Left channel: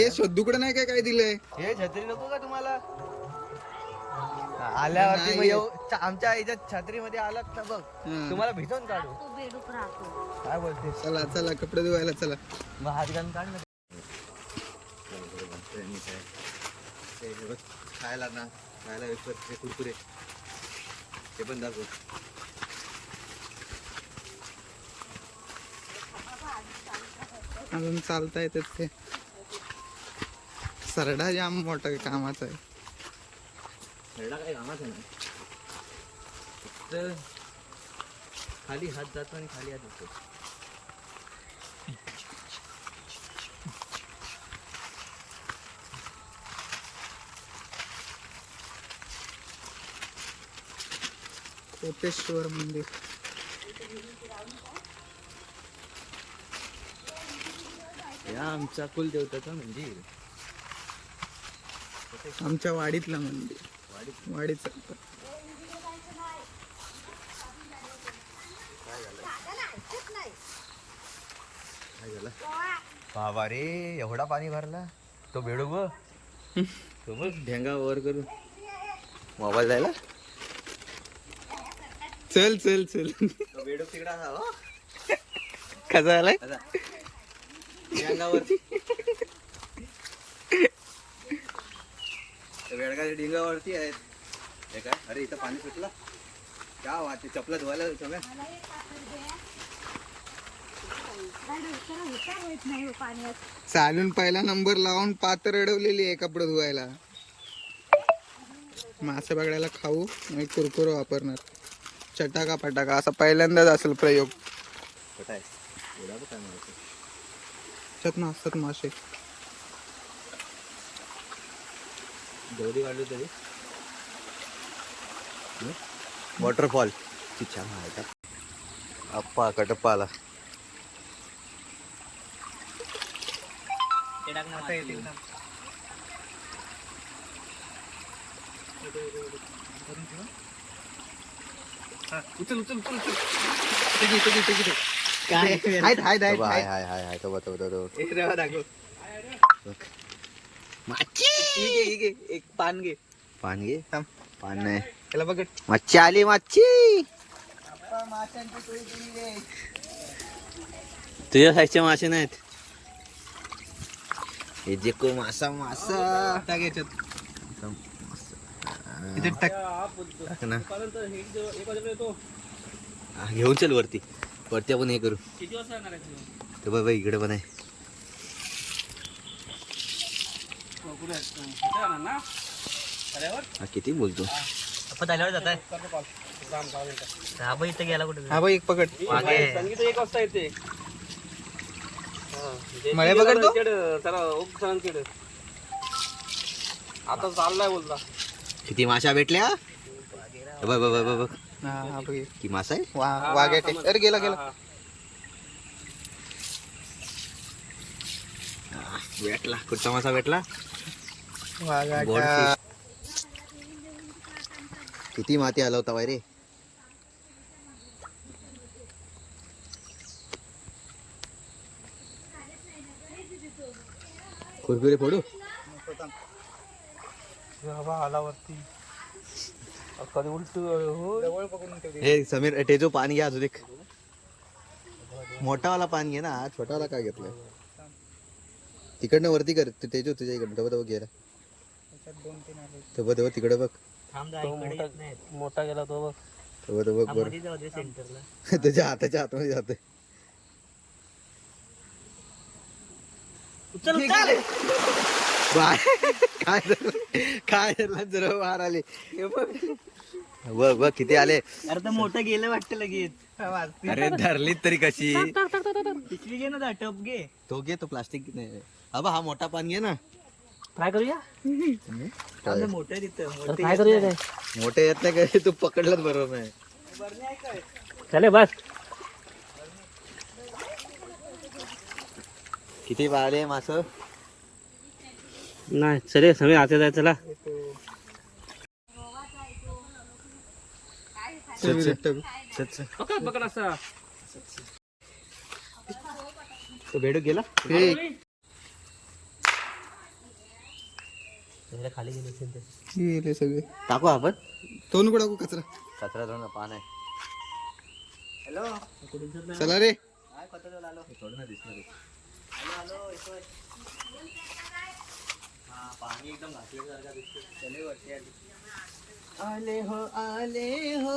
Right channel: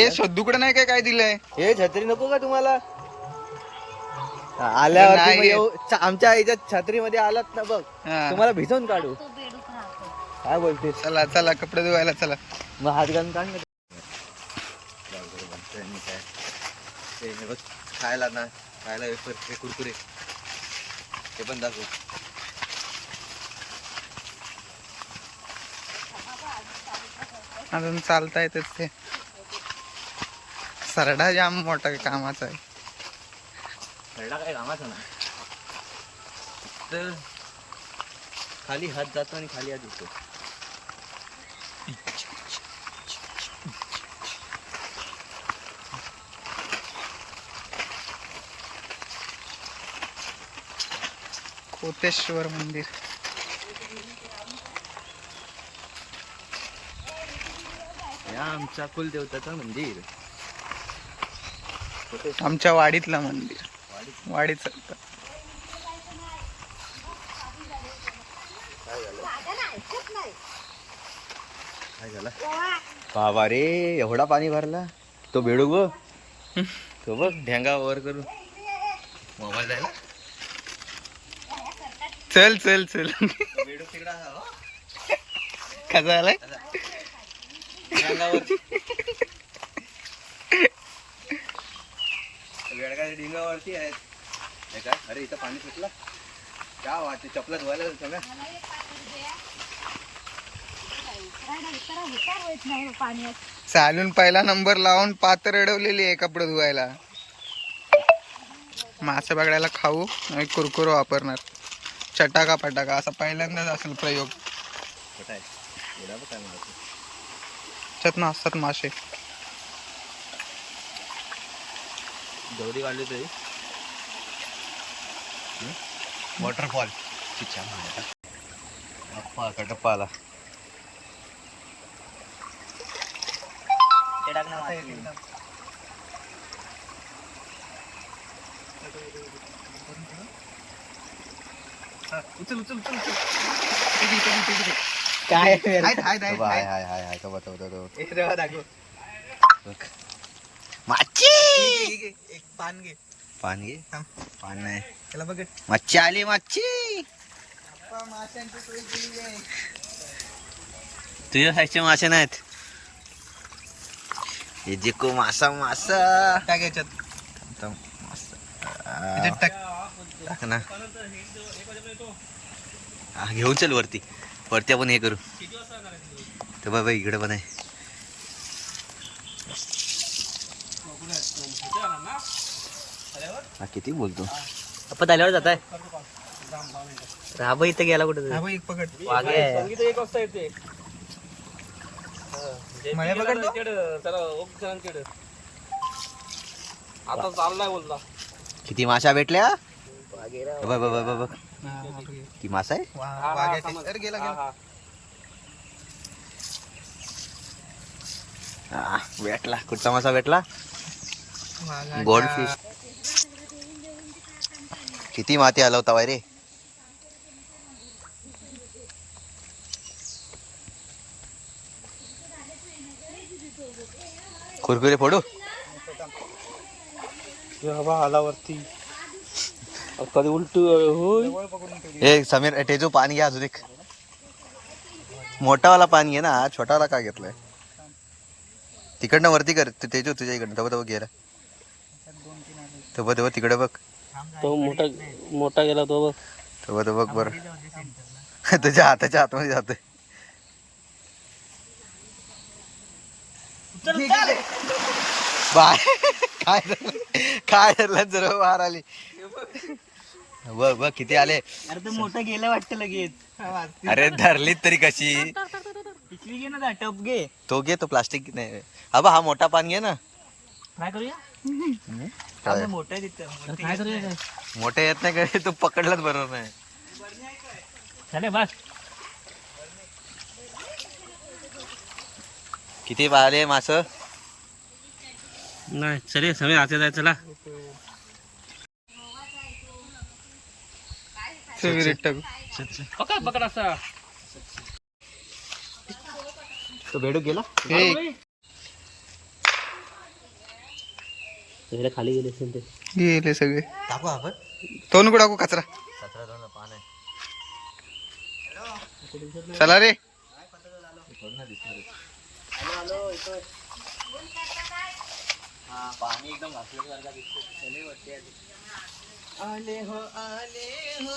हे शोधूकडे नाही काय दिलंय? हे छत्री नको का तुम्हाला? नाही आल्या आमच्या आईच्या छत्रीमध्ये आलात ना बघ, हा. तुम्हाला भिजवून काढू. तो बेडूक राहतो. काय बोलते? चला चला कपडे धुवायला चला. मग हात घालून काढ ना. काय ते बघ, खायला ना खायला वेफर कुरकुरे ते पण दाखव. अजून चालता येतात ते. सरडा जाम मोठा कामाचा आहे. खरडा काय कामाचा ना, तर खाली हात जातो आणि खाली हात येतो. कोटेश्वर मंदिर. या आमचा कुलदेवताचं मंदिर, आमच्या वाडीतलं मंदिर. वाडीच काय झालं बाबा रे, एवढा पाणी भरला. तो बेडूक बघ, तो बघ ढेंगा वर करू मोबाईल जायला. चल चल चल. तो बेडूक तिकडा कसा आलाय? ढेंगावरती बेडकाच्या ढिंगावरती आहेत. हे काय, अरे इथं पाणी सुटलं. क्या वाटते, चपला धुवायला सगळ्या. चालून पहिला नंबर लावून पात्र अडवलेली आहे कपडे धुवायला. मासे पकडायला खाऊ आणि कुरकुर वापरणार. चटाका पटाका असा पहिल्यांदाच असेल प्रयोग. कुठं आहे एवढा बघ काय मारतो. त्यात नसतात मासे. गौरी काढली तरी वॉटरफॉल छान होता. अप्पा कटप्पा आला. उचल उचल उचल उचल. काय हाय हाय हाय हाय तो बघ दाखव. मच्छी, एक पान घे. पान घे. थांब. पान नाही, त्याला बघ. मच्छी आली मच्छी. माशांची टोळी केली आहे. तुझ्या साईजचे मासे नाहीत हे. जे को मासा मासा टाक याच्यात. मासा टाक. टाक ना. घेऊन चल वरती. वरती आपण हे करू. तर बाबा इकडे पण आहे. हा किती बोलतो. आपण आल्यावर जात आहे. राबा इथं गेला कुठे. हा भाई एक पकड. संगीत 1 वाजता येते. मळे पकडतो. आता चाललाय बोलता. किती माशा भेटल्या बघ बघ बघ बघ. हा बघ. की मासा आहे. वाघ आहे. अरे गेला गेला. भेटला. कुठचा मासा भेटला. Gold fish. किती माती हलवता बाय रे. कुरकुरे फोडू. आलावरती कधी उलट हो. हे समीर टेजू पाणी घ्या अजून एक. मोठावाला पाणी आहे ना, छोटावाला काय घेतलाय. तिकडनं वरती कर. तेजू तुझ्या इकडनं तव तव गेला. तव तव तिकडे बघ. तो मोठा गेला तो बघ. तव तव बघ बरं. तुझ्या हाताच्या आतमध्ये जातोय. बाय काय झालं. काय झालं जरा बाहेर आली. बघ बघ किती आले. अरे तो मोठा गेला वाटतं लगेच. अरे धरलीत तरी कशी. पिकली घे ना टप घे. तो घे. तो प्लास्टिक नाही. हा हा मोठा पान घे ना. काय करूया. काय मोठा आहे तिथं. काय करूया काय. मोठे येत नाही का. तू पकडलाच बरोबर नाही. चले बस. किती आले मास. नाही चले सगळे आते जाय. चला पकड पकड असा. तो बेडूक गेला. हे सगळे खाली गेले असेल ते. गेले सगळे. टाकू आपण तो नको टाकू कचरा. कचरा थोडं ना पान आहे चला रे. थोडं ना दिसणार हा पाणी एकदम घासल्यासारखा दिसतो. आले हो